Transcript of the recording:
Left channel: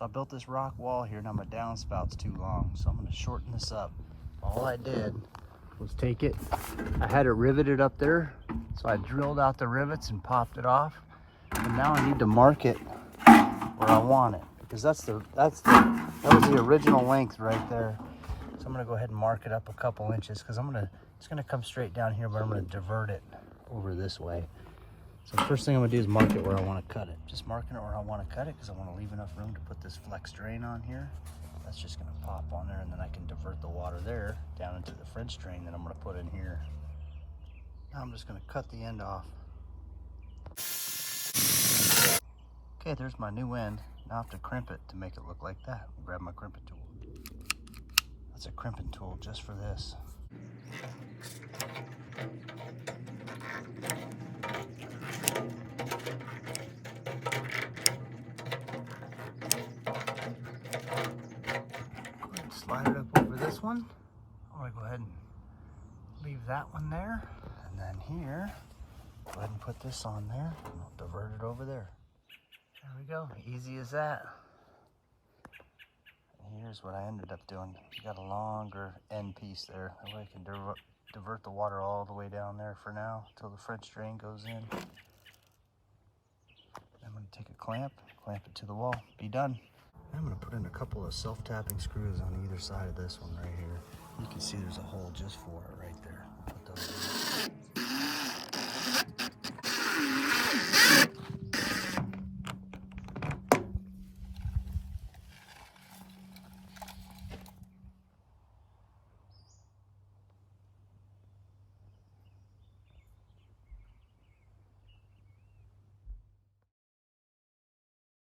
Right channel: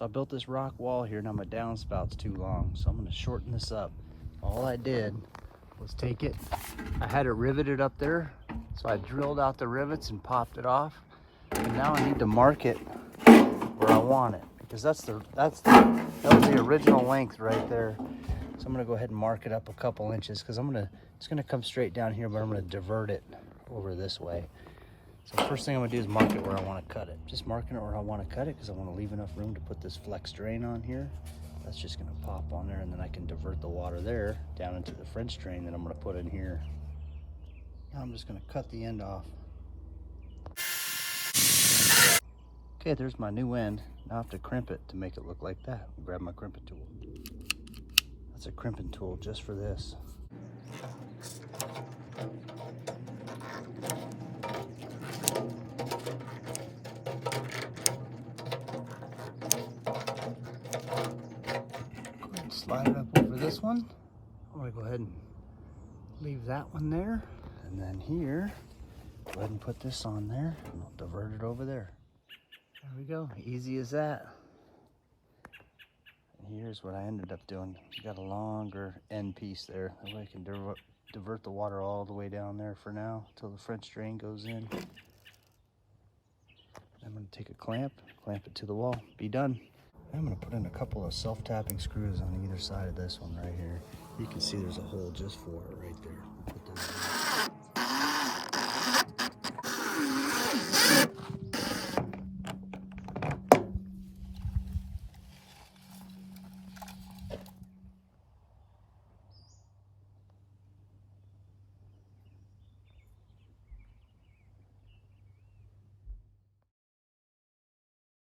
So I built this rock wall here. Now my downspout's too long, so I'm gonna shorten this up. All I did is take it, I had it riveted up there, so I drilled out the rivets and popped it off. And now I need to mark it where I want it, because that's the original length right there. So I'm gonna go ahead and mark it up a couple inches, because it's gonna come straight down here, but I'm gonna divert it over this way. So the first thing I'm gonna do is mark it where I want to cut it. Just marking it where I want to cut it, because I want to leave enough room to put this flex drain on here. That's just gonna pop on there, and then I can divert the water there down into the French drain that I'm gonna put in here. Now I'm just gonna cut the end off. Okay, there's my new end. Now I have to crimp it to make it look like that. Grab my crimping tool. That's a crimping tool just for this. Slide it up over this one. I'm gonna go ahead and leave that one there. And then here, go ahead and put this on there and divert it over there. There we go, easy as that. Here's what I ended up doing. You got a longer end piece there. That way you can divert the water all the way down there for now until the French drain goes in. I'm going to take a clamp it to the wall, be done. I'm going to put in a couple of self-tapping screws on either side of this one right here. You can see there's a hole just for it right there.